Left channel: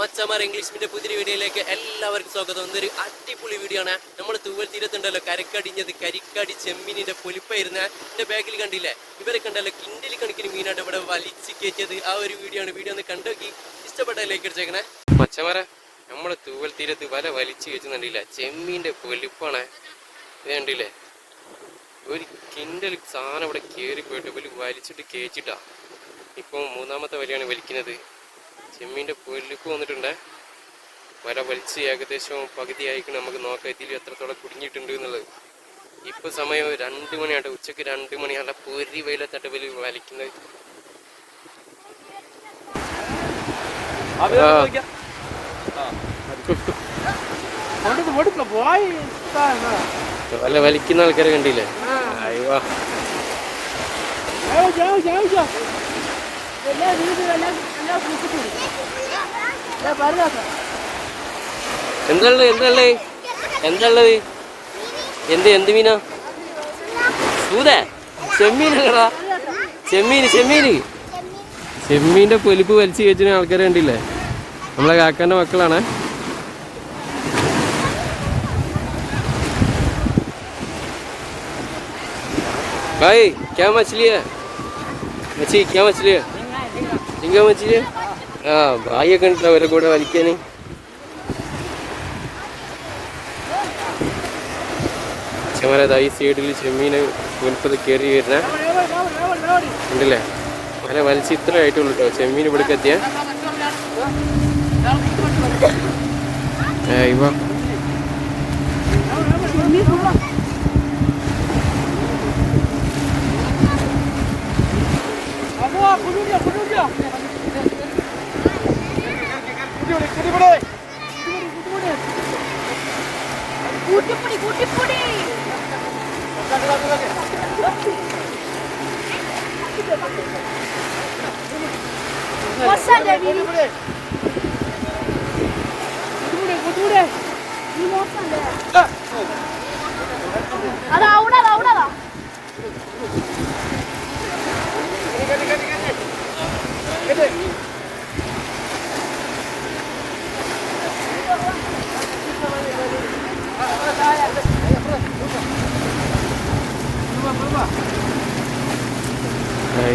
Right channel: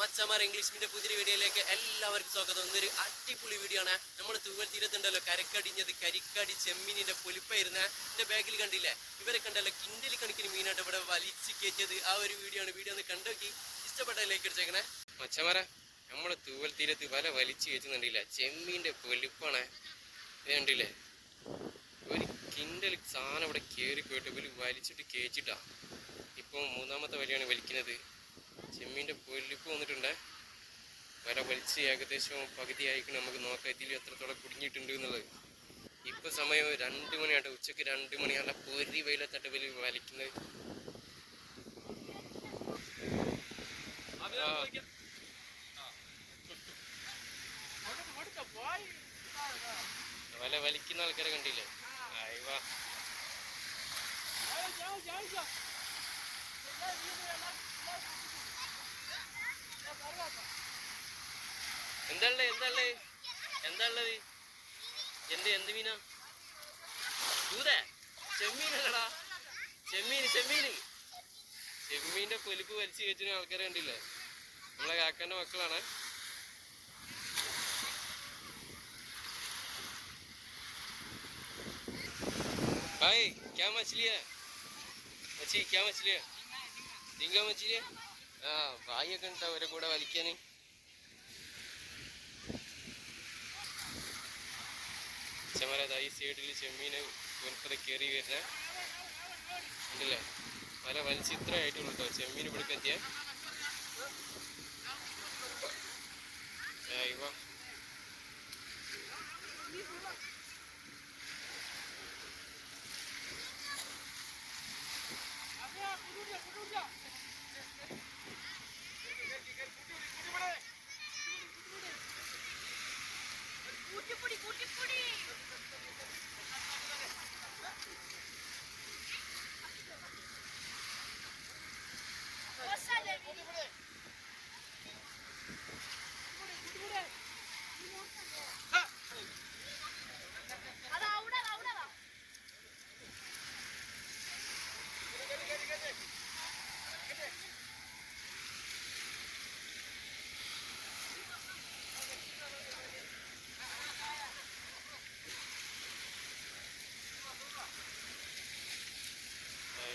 മച്ചമാർ English medium പുതിയ വീഡിയോയിലേക്ക് എല്ലാവർക്കും സ്വാഗതം. ഇന്നൊരു അടിപൊളി വീഡിയോ ആണ്. നമ്മൾ തൂവൽ തീരത്തുണ്ടല്ലോ കരിക്കടിഞ്ഞത്, കരിക്കടി ചെമ്മീനിന്റെ പൊലിപ്പായിരുന്ന എന്റെ ബാഗിൽ കണ്ടില്ലേ, ഇവരെ കണ്ടല്ലോ കിൻഡലി കണക്കിന് മീനായിട്ട് ഇവിടെ വലിച്ചു കയറ്റിയത്. ആ ഒരു വീഡിയോ ആണ്. വീഡിയോ ഒന്ന് കണ്ടോക്കി ഇഷ്ടപ്പെട്ട ലൈക്ക് അടിച്ചേക്കണേ. മച്ചമാരെ നമ്മള് തൂവൽ തീരത്ത് വല വലിച്ചു കയറ്റുന്നുണ്ടില്ല, ചെമ്മീന്റെ പൊലിപ്പാണ് ഇത് കണ്ടില്ലേ. ഒരു കിൻഡൽ സാധനം ഇവിടെ കയറി പോയിട്ട് വലിച്ചിട്ട് കയറ്റിട്ടാ ഇപ്പം മൂന്നാമത്തെ വലയാണ് വലിക്കുന്നത്. ചെമ്മീൻ്റെ പൊലിപ്പ് വന്നിട്ടുണ്ട്. വല വലിച്ച് ഏകദേശം പകുതി ആയിക്കണം. നമുക്ക് നോക്കാം ഇതിൽ എത്രത്തോളം കുടുങ്ങിയിട്ടുണ്ട് എന്നുള്ളത്. ഇപ്പൊ സമയം 2 മണിയാട്ടെ, ഉച്ചക്ക് 2 മണിയാണ്. പൊരി വെയിലത്തട്ട് വലിക്കുന്നത്. വല വലിക്കുന്ന ആൾക്കാരെ കണ്ടില്ലേ? അയ്യോ എന്താള്ളത് എന്താള്ളത് എന്താള്ളത് എന്ത് മീനാ? സൂത ചെമ്മീനല്ലടാ, ചെമ്മീന്റെ പൊലിപ്പ് വലിച്ചു കയറ്റുന്ന ആൾക്കാരെ കണ്ടില്ലേ? നമ്മളെ കാക്കാന്റെ മക്കളാണ്. भाई क्या मछली है? क्या मछली है? झींगा मछली है. हाँ भाई कണ്ടില്ല അവരെ കൂടെ വലിക്കാന്. ചെമ്മരതായി സൈഡിൽ ചെമ്മീന് പൊലിപ്പത് കയറി വരുന്ന ഉണ്ടല്ലേ. വല വലിച്ച് ഇത്ര ആയിട്ടുള്ളൂ കേട്ടോ ചെമ്മീൻ ഇവിടേക്ക് എത്തിയ.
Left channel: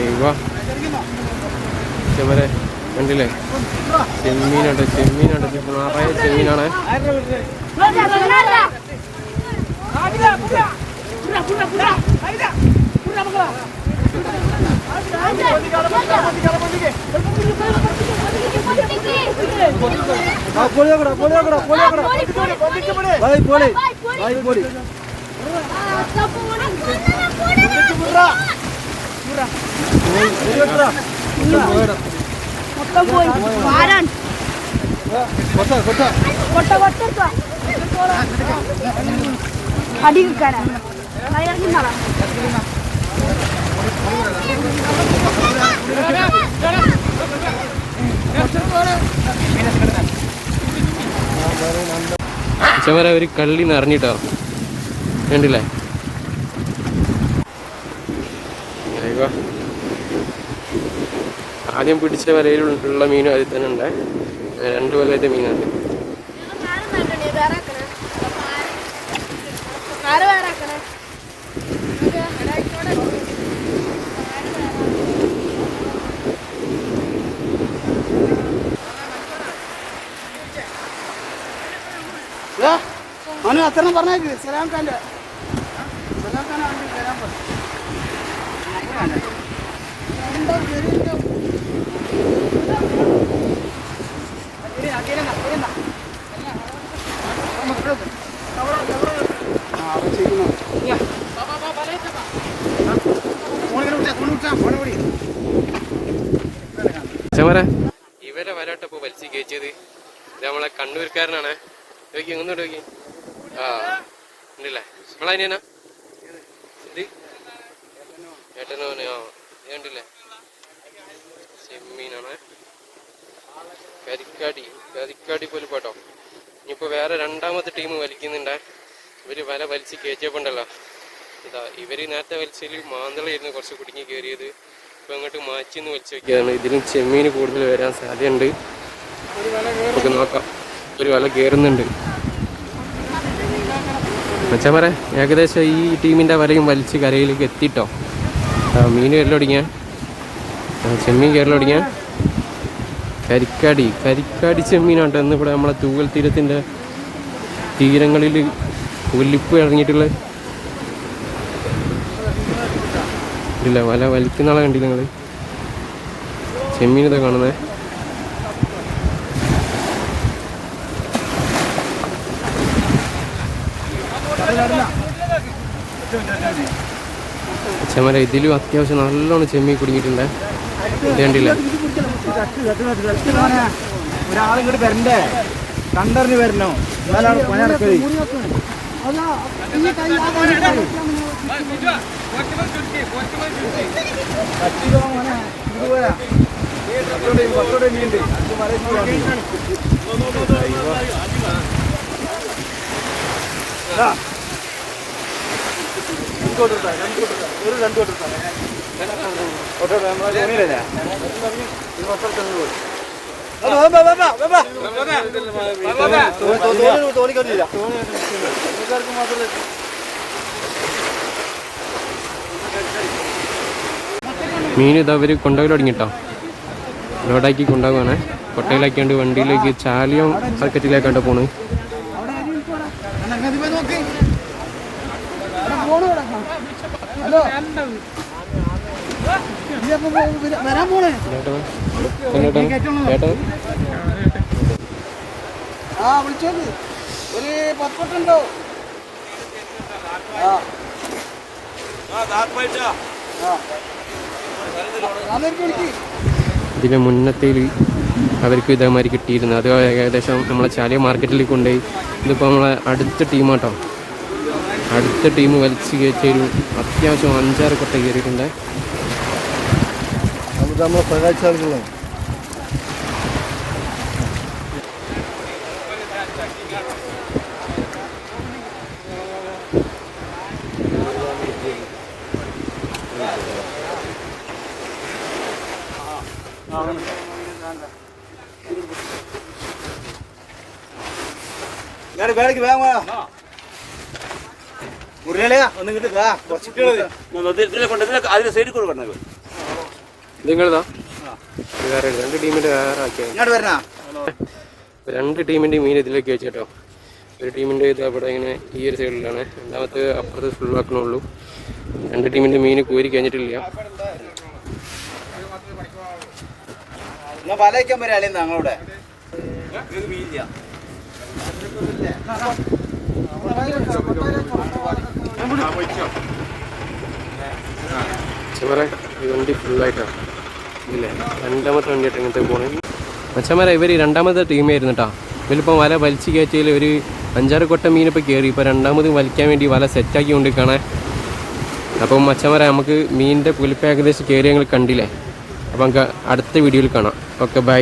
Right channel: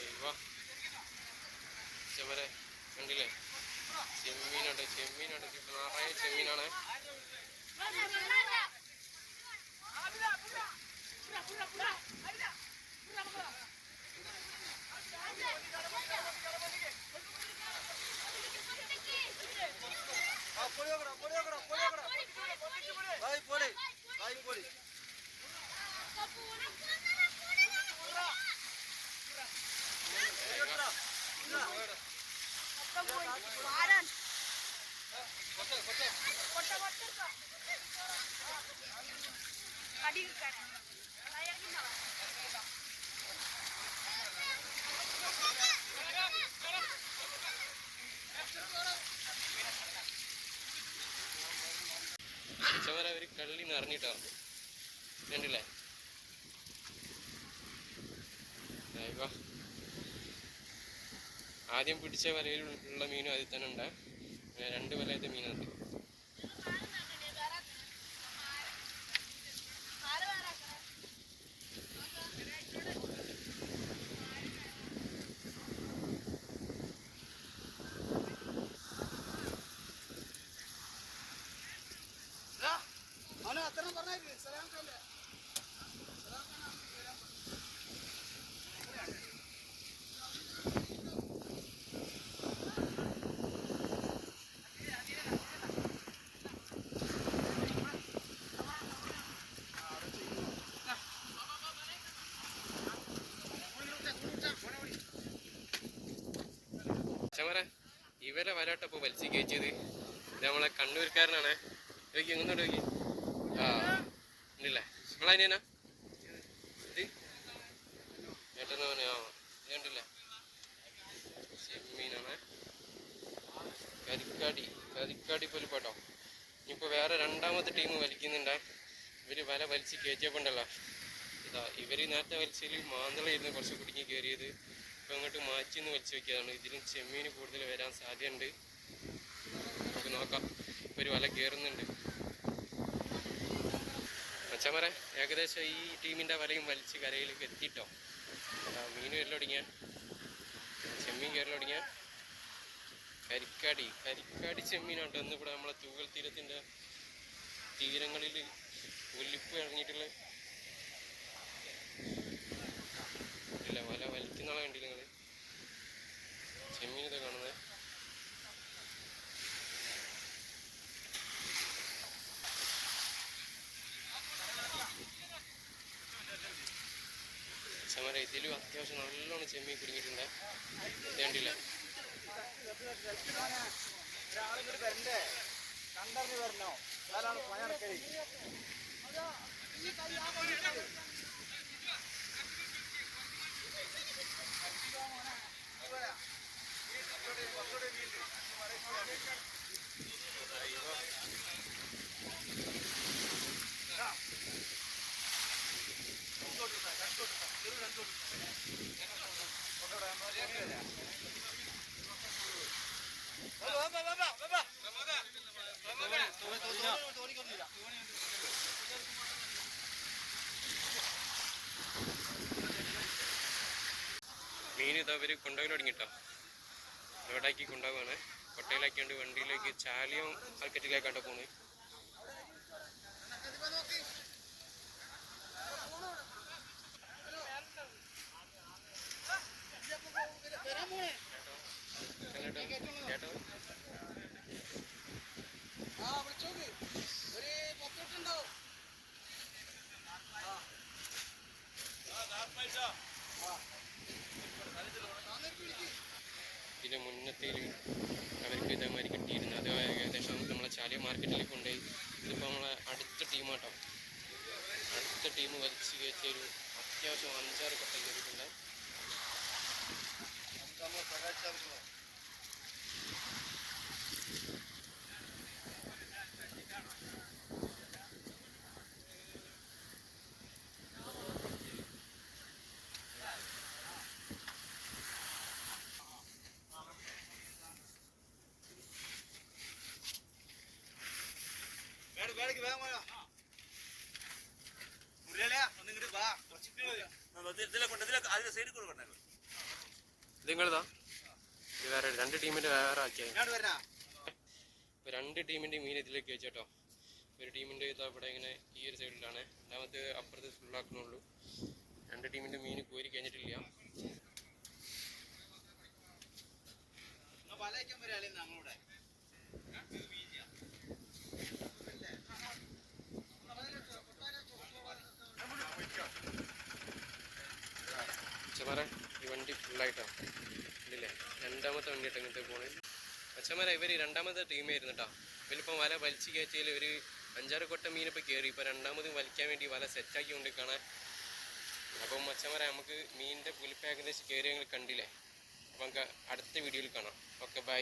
ഇവ ചെമ്മര കണ്ടില്ലേ? ചെമ്മീനാണ് നിറയെ ചെമ്മീനാണ്. ചെമ്മര ഒരു കള്ളി നിറഞ്ഞിട്ടോ കണ്ടില്ലേ? ആദ്യം പിടിച്ച വലയിലുള്ള മീനും അതിൽ തന്നെ ഉണ്ട്. 2 വലയത്തെ മീനുണ്ട്. അവന് അത്ര പറഞ്ഞേക്ക് സലാം ഖാൻ്റെ ഇവരെ വരാട്ടപ്പോ വലിച്ചു കയറ്റിയത് നമ്മളെ കണ്ണൂർക്കാരനാണ്. നോക്കി ഒന്നുകൂടെ നോക്കി. ആ ഉണ്ടല്ലേ നമ്മളതിനാ ശരി ഏട്ടനോനെ. ആ ഇത് കണ്ടില്ലേ ചെമ്മീനാണ്. കരിക്കാടി പോലും പോട്ടോ. ഇനിയിപ്പോൾ വേറെ 2ാമത്തെ ടീം വലിക്കുന്നുണ്ട്. ഇവര് വല വലിച്ച് കയറ്റിയപ്പോണ്ടല്ലോ ഇതാ ഇവർ നേരത്തെ വലിച്ചതിൽ മാന്തളായിരുന്നു കുറച്ച് കുടുങ്ങി കയറിയത്. ഇപ്പം അങ്ങോട്ട് മാറ്റിന്ന് വലിച്ചു വയ്ക്കുകയാണ്. ഇതിലും ചെമ്മീൻ കൂടുതൽ വരാൻ സാധ്യതയുണ്ട്. നമുക്ക് നോക്കാം. ഒരു വല കയറുന്നുണ്ട്. മച്ചാമാരെ ഏകദേശം ഈ ടീമിൻ്റെ വലയും വലിച്ച് കരയിലേക്ക് എത്തിയിട്ടോ. മീൻ കയറലൊടിങ്ങ, ചെമ്മീൻ കയറലൊടിങ്ങ. കരിക്കാടി ചെമ്മീനാട്ടോ ഇന്നിവിടെ നമ്മളെ തൂവൽ തീരത്തിൻ്റെ തീരങ്ങളിൽ ഒലിപ്പ് ഇറങ്ങിയിട്ടുള്ള. ഇല്ല വല വലിക്കുന്ന ആളെ കണ്ടില്ല നിങ്ങൾ? ചെമ്മീൻ ഇതാ കാണുന്നത്. ചെമ്മര ഇതിലും അത്യാവശ്യം നല്ലോണം ചെമ്മീൻ കുടുങ്ങിയിട്ടുണ്ട്. ഇത് കണ്ടില്ല? ഒരാളിങ്ങോട്ട് വരണ്ടേ, കണ്ടറിഞ്ഞ് വരണോ, എന്നാലാണ് പണി നടക്കുന്നത്. മീൻ ഇത് അവർ കൊണ്ടുപോയി തുടങ്ങിട്ടോ. ലോഡാക്കി കൊണ്ടുപോകുകയാണ്. കൊട്ടയിലാക്കിയാണ്ട് വണ്ടിയിലേക്ക് ചാലിയം മാർക്കറ്റിലേക്കാണ്ട് പോണ്. ഇതിന് മുന്നത്തേൽ അവർക്ക് ഇതേമാതിരി കിട്ടിയിരുന്നു. അത് ഏകദേശം നമ്മളെ ചാലിയ മാർക്കറ്റിൽ കൊണ്ടുപോയി. ഇതിപ്പോൾ നമ്മളെ അടുത്ത ടീമാട്ടോ. അടുത്ത ടീം വലിച്ച് കയറ്റൊരു അത്യാവശ്യം 5-6 കൊട്ട കയറിയിട്ടുണ്ട്. നമ്മളെ സഹായിച്ചാളുകളാണ്. വേടക്ക് വേഗം മുറിയാളെയാ ഒന്ന് കിട്ടുക. അതിന് സൈഡിൽ കൊടുക്കണം. നിങ്ങളതാ രണ്ട് ടീമിൻ്റെ വേറെ ആക്കിയാൽ ഇങ്ങോട്ട് വരണ. 2 ടീമിൻ്റെ മീൻ ഇതിലേക്ക് വെച്ചേട്ടോ. ഒരു ടീമിൻ്റെ ഇത് അവിടെ ഇങ്ങനെ ഈ ഒരു സൈഡിലാണ്, രണ്ടാമത്തെ അപ്പുറത്ത് ഫുള്ളാക്കണുള്ളൂ. 2 ടീമിൻ്റെ മീൻ കോരി കഴിഞ്ഞിട്ടില്ല. വല വയ്ക്കാൻ വരാളെ ഞങ്ങളുടെ മച്ചമാരെ ഈ വണ്ടി ഫുള്ളായിട്ടാണ് ഇല്ലേ? 2ാമത്തെ വണ്ടിയായിട്ട് ഇങ്ങനത്തെ പോണേ. മച്ചമാരെ ഇവർ 2ാമത്തെ ടീമായിരുന്നു കേട്ടോ. ഇവരിപ്പോൾ വല വലിച്ച് കയറ്റിയിൽ ഒരു 5-6 കൊട്ട മീനിപ്പോൾ കയറി. ഇപ്പോൾ 2ാമത് വലിക്കാൻ വേണ്ടി വല സെറ്റാക്കി കൊണ്ട് കാണാൻ. അപ്പം മച്ചമാരെ നമുക്ക് മീനിൻ്റെ പുലിപ്പ് ഏകദേശം കയറി ഞങ്ങൾ കണ്ടില്ലേ. അപ്പം നമുക്ക് അടുത്ത വീഡിയോയിൽ കാണാം. Okay bye.